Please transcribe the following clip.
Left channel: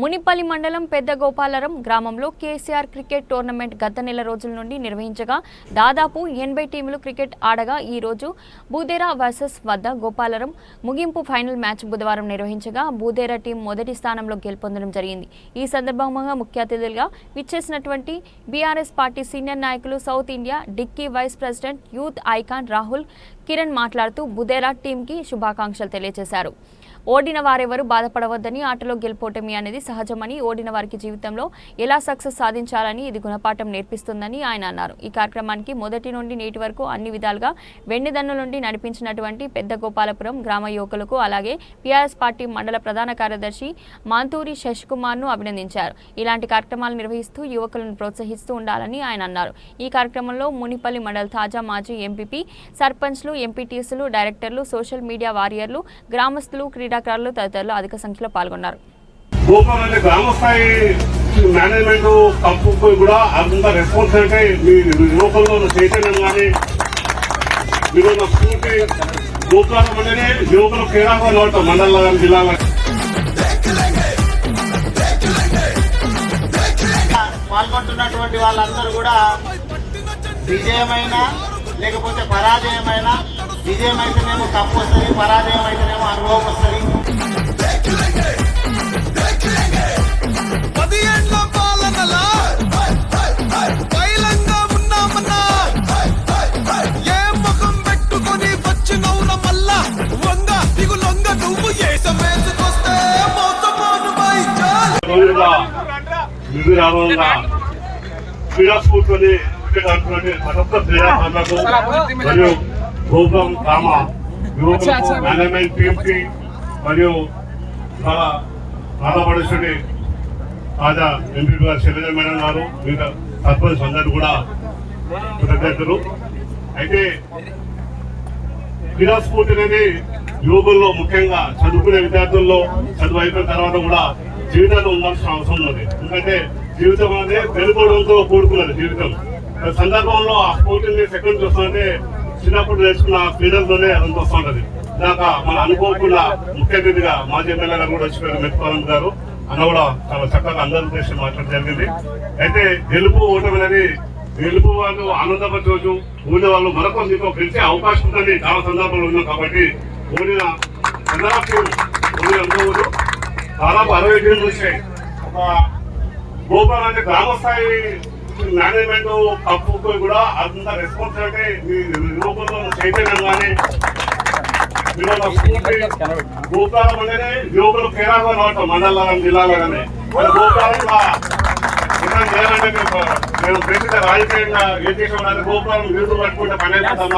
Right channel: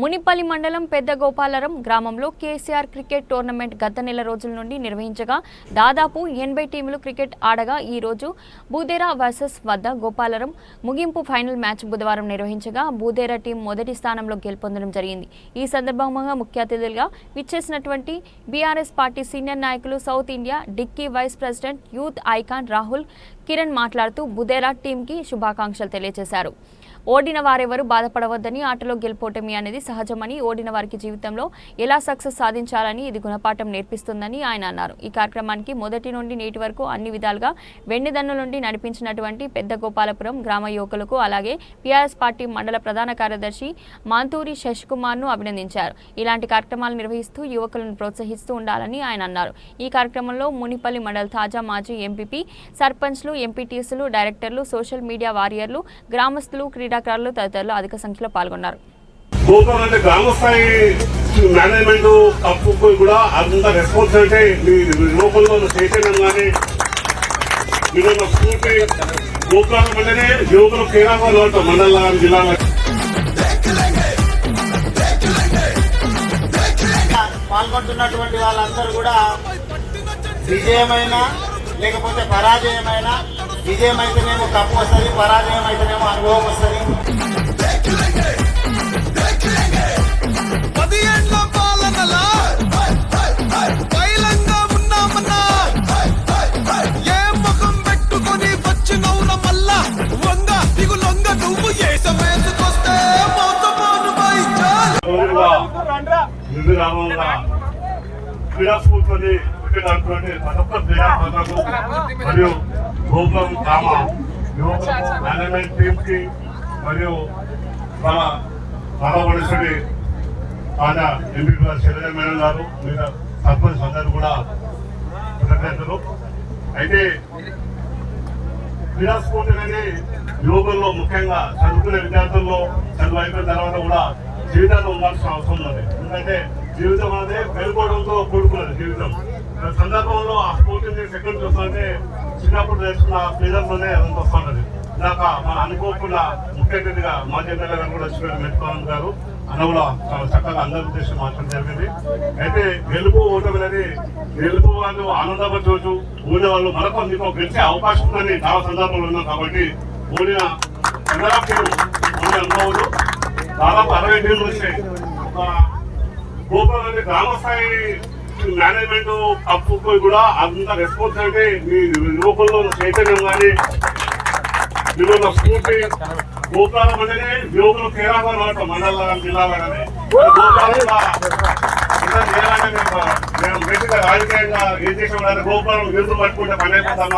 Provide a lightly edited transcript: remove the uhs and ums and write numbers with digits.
మునిపల్లి మండలం పెద్ద గోపాలరం గ్రామంలో కేసీఆర్ క్రికెట్ టోర్నమెంట్ గత నెల రోజుల నుండి నిర్వహించగా దాదాపు 80 టీములు క్రికెట్ ఆడగా ఈ రోజు బూదేరా వర్సెస్ వద్ద గోపాలరం ముగింపు ఫైనల్ మ్యాచ్ బుధవారం నిర్వహించగా బూదేరా టీం మొదటి స్థానంలో గెలుపొందడం జరిగింది। ఈ సందర్భంగా ముఖ్య అతిథులుగా విచ్చేసినటువంటి బీఆర్ఎస్ పార్టీ సీనియర్ నాయకులు south India DICCI vice president youth icon Rahul Kiran మాట్లాడుతూ బూదేరా టీంకి శుభాకాంక్షలు తెలియజేశారు। ఓడిన వారెవరూ బాధపడవద్దని, ఆటలో గెలుపోటమి అనేది సహజమని, ఓడిన వారికి జీవితంలో ఎలా సక్సెస్ సాధించాలని ఇది గుణపాఠం నేర్పిస్తుందని ఆయన అన్నారు। ఈ కార్యక్రమానికి మొదటి నుండి నేటి వరకు అన్ని విధాలుగా వెండిదన్ను నుండి నడిపించినటువంటి పెద్ద గోపాలపురం గ్రామ యువకులకు అలాగే బీఆర్ఎస్ పార్టీ మండల ప్రధాన కార్యదర్శి మాంతూరి శశికుమార్ను అభినందించారు। ఇలాంటి కార్యక్రమాలు నిర్వహిస్తూ యువకులను ప్రోత్సహిస్తూ ఉండాలని ఆయన అన్నారు। ఈ కార్యక్రమంలో మునిపల్లి మండల తాజా మాజీ ఎంపీపీ, సర్పంచ్లు, ఎంపీటీసీలు, డైరెక్టర్లు, సోషల్ మీడియా వారియర్లు, గ్రామస్తులు, క్రీడాకారులు తదితరులు అధిక సంఖ్యలో పాల్గొన్నారు। పాల్గొంటున్నటువంటి వాళ్ళందరూ కూడా విజయమైన లేకపోతే పరాజయమైన, విజయమైతేనే తప్పొస్తుంది, పరాజయం అయితేనే అనుభవం వస్తుంది। 10 ఏళ్ల పాలనలా పైలంగా ఉన్నామన్నా ఏ ముఖం పెట్టుకొని వచ్చినవున మల్లా వంగ దిగులొంగ నువ్వు ఏ సమేసుకొస్తే మోసపోను బైచాల్ క్రీడా స్ఫూర్తిని మరియు గోపురం గ్రామ యువకులకు మేనేజ్మెంట్ టీంకి మరియు చాలా రాధపడేశ్వరి తాజా ఎంపీ గారు శైలజ మేడం గారు మిగతా సర్పంచ్ అందరూ కూడా కృతజ్ఞతలు। అయితే క్రీడా స్ఫూర్తి అనేది యువకుల్లో ముఖ్యంగా చదువుకునే విద్యార్థుల్లో చదువు అయిపోయిన తర్వాత కూడా జీవితంలో ఉండాల్సిన అవసరం ఉన్నది। ఎందుకంటే జీవితం అనేది వెలుపడంతో కూడుకున్నది జీవితం। సందర్భంలో ఆ స్ఫూర్తిని సెకండ్ చూస్తుంటే చిన్నప్పుడు నేర్చుకున్న క్రీడలతోనే అదంతా వస్తుంటది। ఇందాక మన అనుకోకుండా ముఖ్య అతిథిగా మాజీ ఎమ్మెల్యే గారు కూడా వచ్చిపోయిన మెట్టుకోవాలని గారు అన్న కూడా చాలా చక్కగా అందరి ఉద్దేశం మాట్లాడడం జరిగింది। అయితే గెలుపు ఓటమి అనేది గెలుపు వాళ్ళు ఆనందపరచవచ్చు, ఓడిన వాళ్ళు మరొక మీకు గెలిచే అవకాశం ఉందని చాలా సందర్భాలు ఉన్నాం కాబట్టి ఓడిన ఓడి అనుకోవద్దు। దాదాపు 60 టీంలు వచ్చాయి। గోపురం అంటే గ్రామ స్థాయి మేనేజ్మెంట్ కప్పు కూడా అంత రెస్పాన్సిబిలిటీ మీ యువకుల్లో చైతన్యం కానీ మీరు స్ఫూర్తి గోపురం అంటేనే యువకులు కేరాగా నోటం మండలంలో కానీ జిల్లాలో కానీ చేయాలంటే మేము బేసిక్గా రాజకీయంగా ఏం చేసామంటే గోపురం నిరుతులు పట్టుకుంటే పని